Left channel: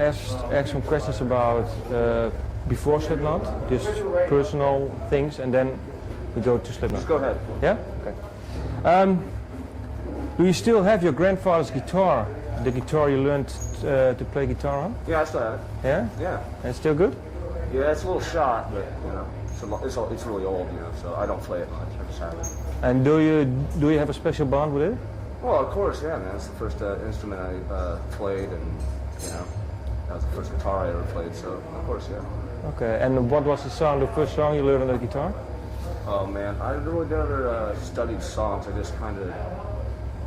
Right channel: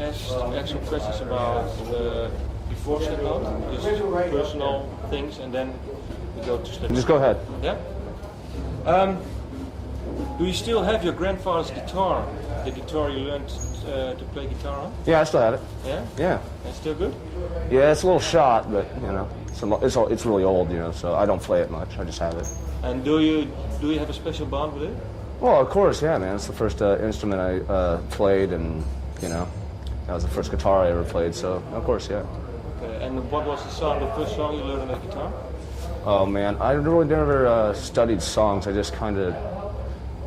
ask some questions about before Slipknot, just personal things, and then we go to Slipknot. Just go ahead. Yeah? Okay. Do you still have your grandfather's guitar? The guitar you learned to play guitar on? Yeah, I still have it. Yeah? Yeah. And it's still good? Yeah, it's a little shot, but you know, it's really old, you know, so I don't play it much. I just have it. And do you have a special bond with it? Well, of course, yeah, man. It's the first instrument I played, and you know, that was the first guitar I ever played. So, of course, yeah. Okay. And what was the first song you learned on the guitar? Oh man, I really never studied songs. I just kind of,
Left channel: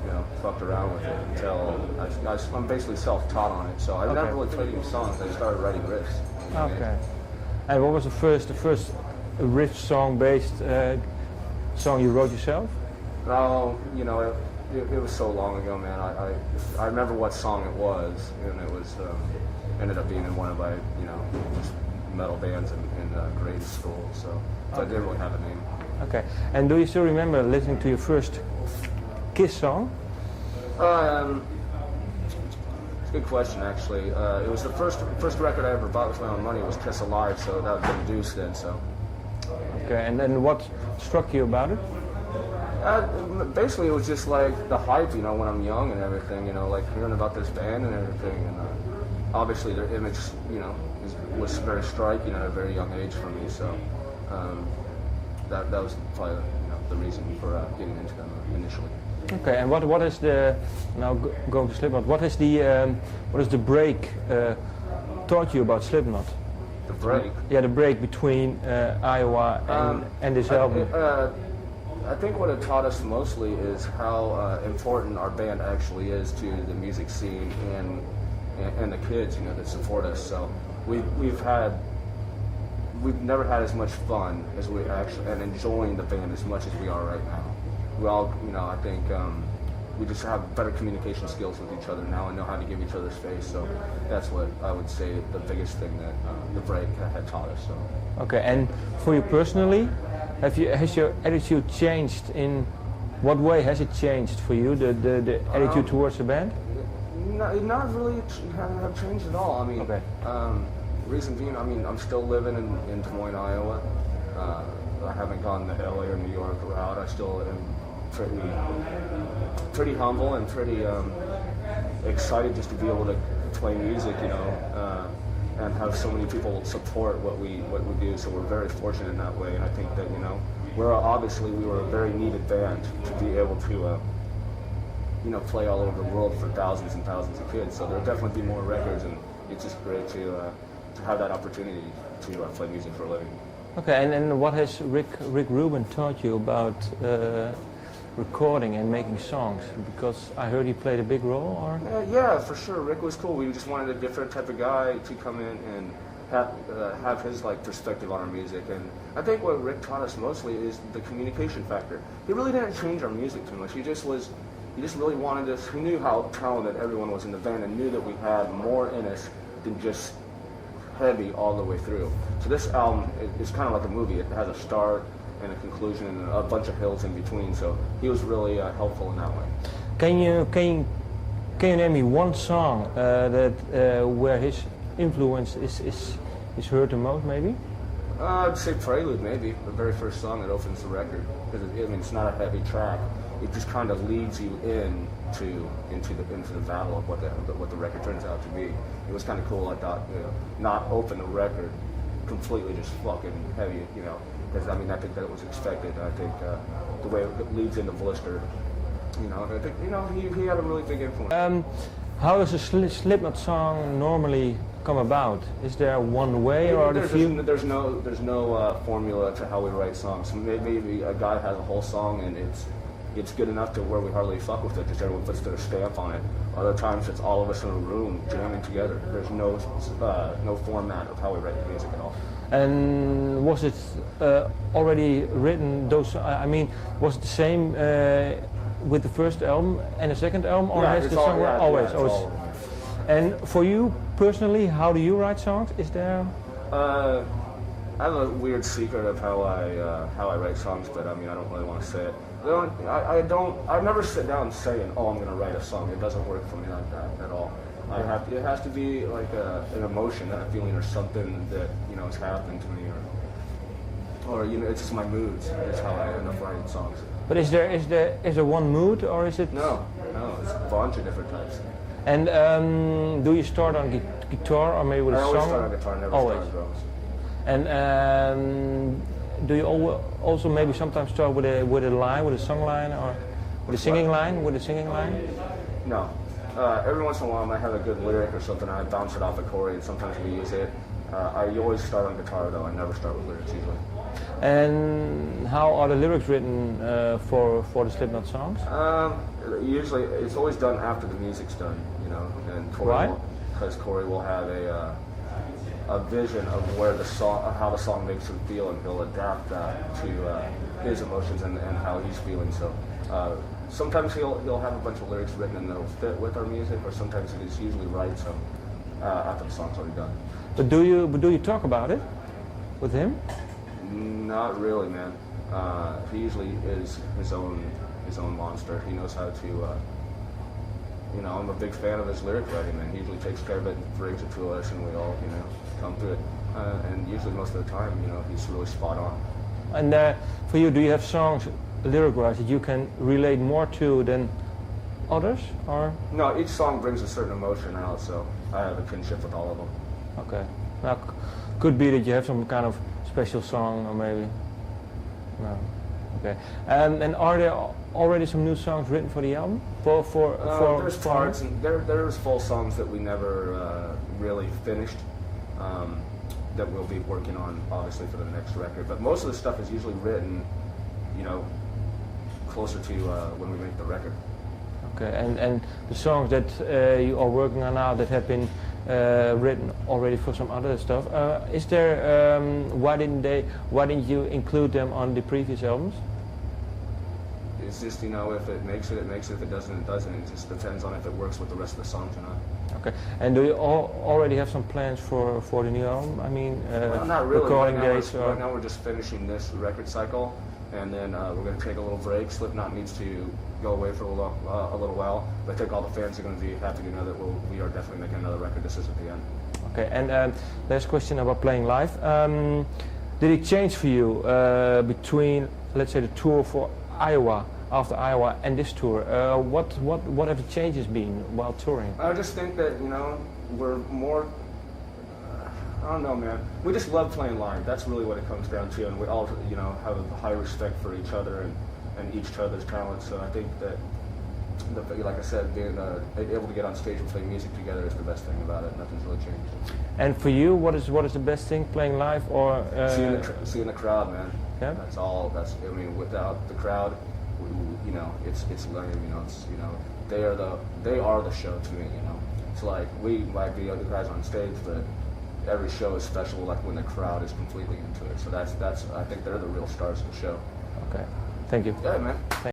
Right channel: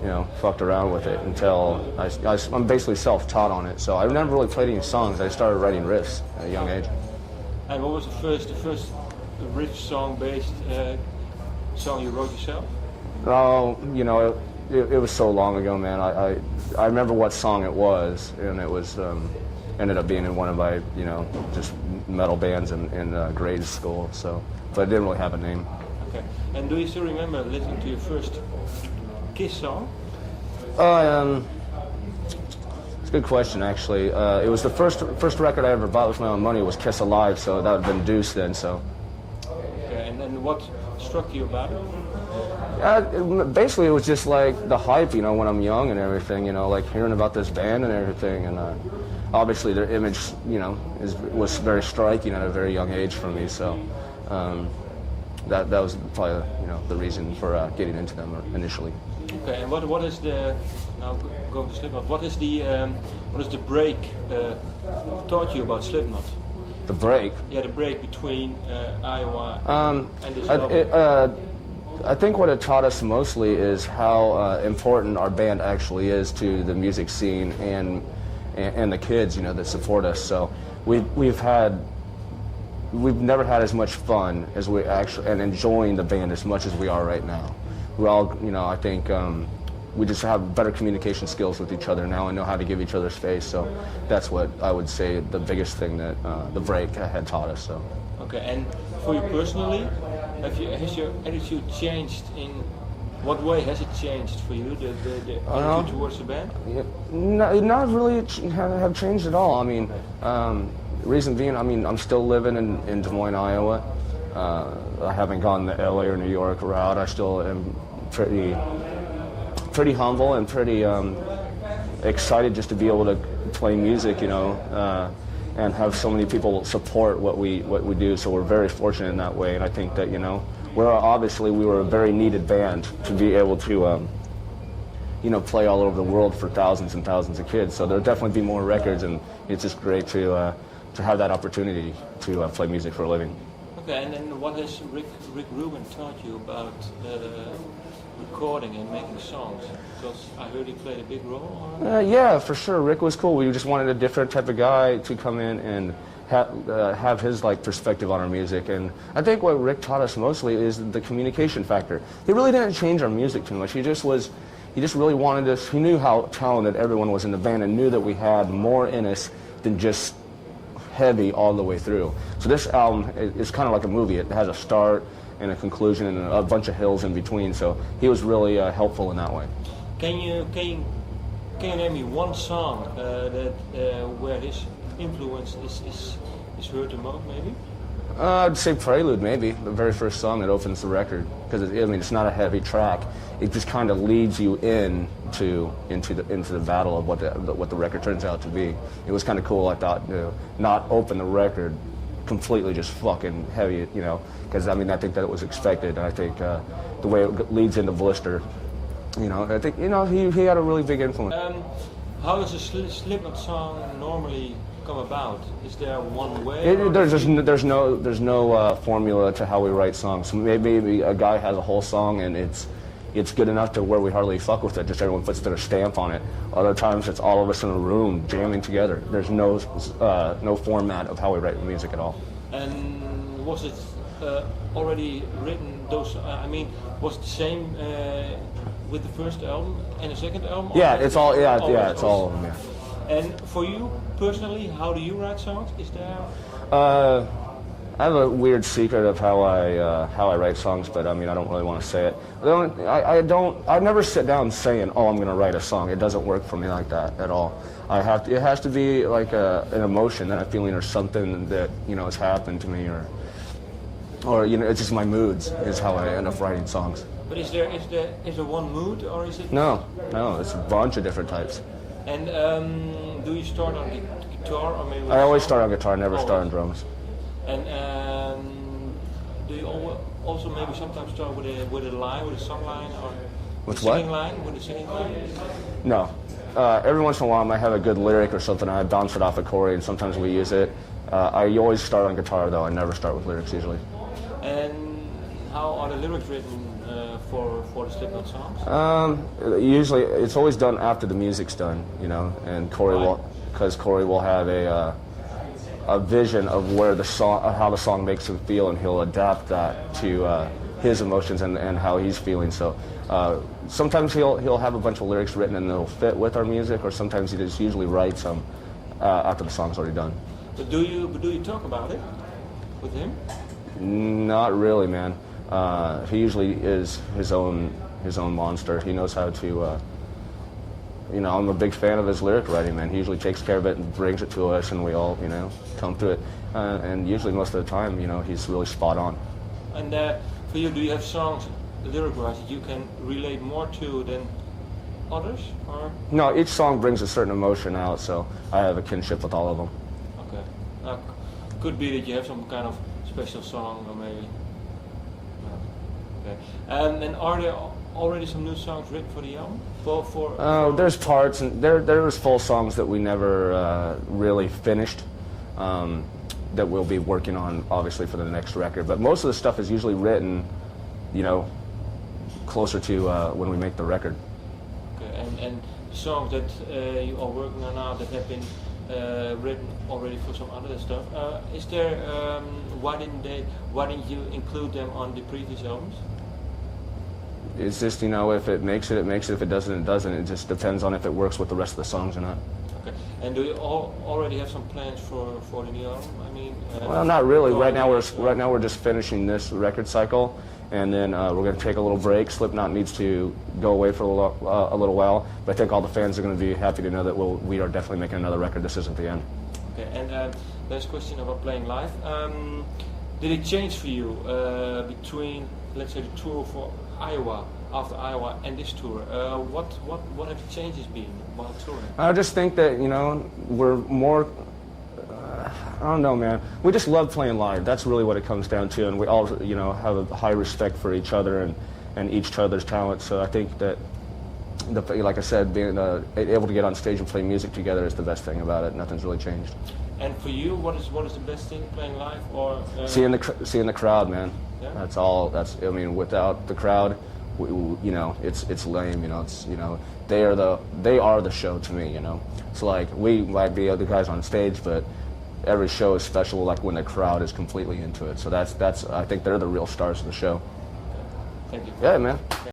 you know, fucked around with it until I'm basically self-taught on it. So I never really played any songs. I started writing riffs at a young age. And what was the first riff song-based song you wrote yourself? Oh, you know, it was so long ago, man. I remember what song it was, and it was ended up being in one of my, you know, just metal bands in grade school. So, but it didn't really have a name. Okay. And do you still remember listening to your first Kiss song? It's a good question, actually. It was the first record I ever bought with my own money was Kiss Alive, so that would have been Deuce then. So. Okay. And then what struck you about it? Basically, it was just like the hype, you know, when I'm young and everything, you know, like hearing about this band and everything, and obviously their image, you know, was very striking at a very young age for me. So that was probably, you know, the reason for getting into them initially. Okay, and what is the now going to Slipknot? What is the break taught you about Slipknot? The break? Yeah, the break between Iowa and this album. I think what it taught us mostly is how important our band actually is to the music scene and the kids, you know, that support us. So we've never had as much fun as we actually, and enjoying the band as much as we are right now. We all, you know, I think we just have better communication skills with each other now and know how to give each other space. So that's what I would say the biggest thing that the break had taught us. So. Okay, and for you personally, has your attitude changed? In what way has it changed for you, the attitude towards the band? Yeah, not really have changed at all. I mean, reason being, I mean, I'm still living in Des Moines, Iowa. I haven't gone the LA or New York route. I still am pretty humble and pretty excited just to be able to play music, you know, and have so many people support what we do. So we're very fortunate in that way. And I think that, you know, we were a very needed band to be able to, you know, play all over the world for thousands and thousands of kids. So there'll definitely be more records, and it's just great to have that opportunity to play music for a living. Okay, and then what has Rick Rubin taught you about recording and making songs? Because I heard he played a big role, or? Yeah, for sure. Rick was cool. We just wanted a different type of guy to come in and have his like perspective on our music. And I think what Rick taught us mostly is the communication factor. He really didn't change our music too much. He just really wanted us. He knew how talented everyone was in the band and knew that we had more in us than just heavy all the way through. So this album is kind of like a movie. It has a start and a conclusion and a bunch of hills in between. So he was really helpful in that way. Can you name me one song where his influence is heard the most, maybe? I'd say Prelude, maybe the very first song that opens the record, because I mean it's not a heavy track. It just kind of leads you into the battle of what the record turns out to be. It was kind of cool. I thought, you know, not open the record completely just fucking heavy, you know, because I mean I think that it was expected, and I think the way it leads into Blister, you know, I think, you know, he had a really big influence. How does a Slipknot song normally come about? Is there one way? There's no formula to how we write songs. So maybe a guy has a whole song and it's good enough to where we hardly fuck with it. Just everyone puts their stamp on it. Other times it's all of us in a room jamming together. There's no format of how we write the music at all. And was it already written? I mean, was it the same with the first album and the second album? Yeah, it's all. It's all of them. Yeah. And for you personally, how do you write songs? Is there? I have a weird secret of how I write songs, but I mean I don't really want to say it. I never sit down saying, oh, I'm going to write a song. It doesn't work for me like that at all. it has to be like an emotion, a feeling, or something that has happened to me, or it's just my moods is how I end up writing songs. But is there one mood, or is it? No, it's a bunch of different types. And do you start on guitar or maybe with I a always song? start on guitar, never start on drums. And do you also maybe sometimes start with a line, with a song line, or With the singing what? line? With a singing line? No. Every once in a while I might have a good lyric or something, I bounce it off of Corey, and sometimes we use it. I always start on guitar though, I never start with lyrics usually. And how are the lyrics written for the Slipknot songs? Usually it's always done after the music's done, and Corey because Corey will have a vision of where the song, how the song makes him feel, and he'll adapt that to his emotions and how he's feeling. So sometimes he'll have a bunch of lyrics written and they'll fit with our music, or sometimes he just usually writes them after the song's already done. But do you talk about it with him? Not really, man. He usually is his own monster. He knows how to. I'm a big fan of his lyric writing, man. He usually takes care of it and brings it to us, and we all, come to it. And usually, most of the time, he's really spot on. And for you, do you have songs, lyric-wise, that you can relate more to than others, or? No, each song brings a certain emotion out, so I have a kinship with all of them. Okay. Now, could be that you have some kind of special song, or maybe. No. Okay. And are there already some new songs written for the album? There's parts, and there's full songs that we never really finished. That we'll be working on, obviously, for the next record. But most of the stuff is usually written, closer to when we make the record. Okay, and the songs that you are working on now that have been written already for some other stuff, is there? Why didn't you include them on the previous albums? It's just, if it makes it, it makes it. If it doesn't, it doesn't. It just depends on if it works with the rest of the songs or not. Okay. And do you already have some plans for the new album? I mean, well, not really. Right now we're just finishing this record cycle, and then we're going to take a little break. Slipknot needs to go away for a little while, but I think all the fans are going to be happy to know that we are definitely making another record. This isn't the end. Okay. And last question about playing live. Did it change for you between, let's say, the tour for Iowa, after Iowa, and this tour? What have the changes been while touring? I just think that we're more. I don't know, man. We just love playing live. That's really what it comes down to, and we all have a high respect for each other and each other's talent. So I think that like I said, being able to get on stage and play music together is the best thing about it. Nothing's really changed. And for you, what is the best thing, playing live or seeing the crowd, man? Yeah? That's all. Without the crowd, it's lame. They are the show to me. So like we might be other guys on stage, but every show is special. Like when the crowd is completely into it. So that's I think they're the real stars of the show. Okay. Thank you. Yeah, man.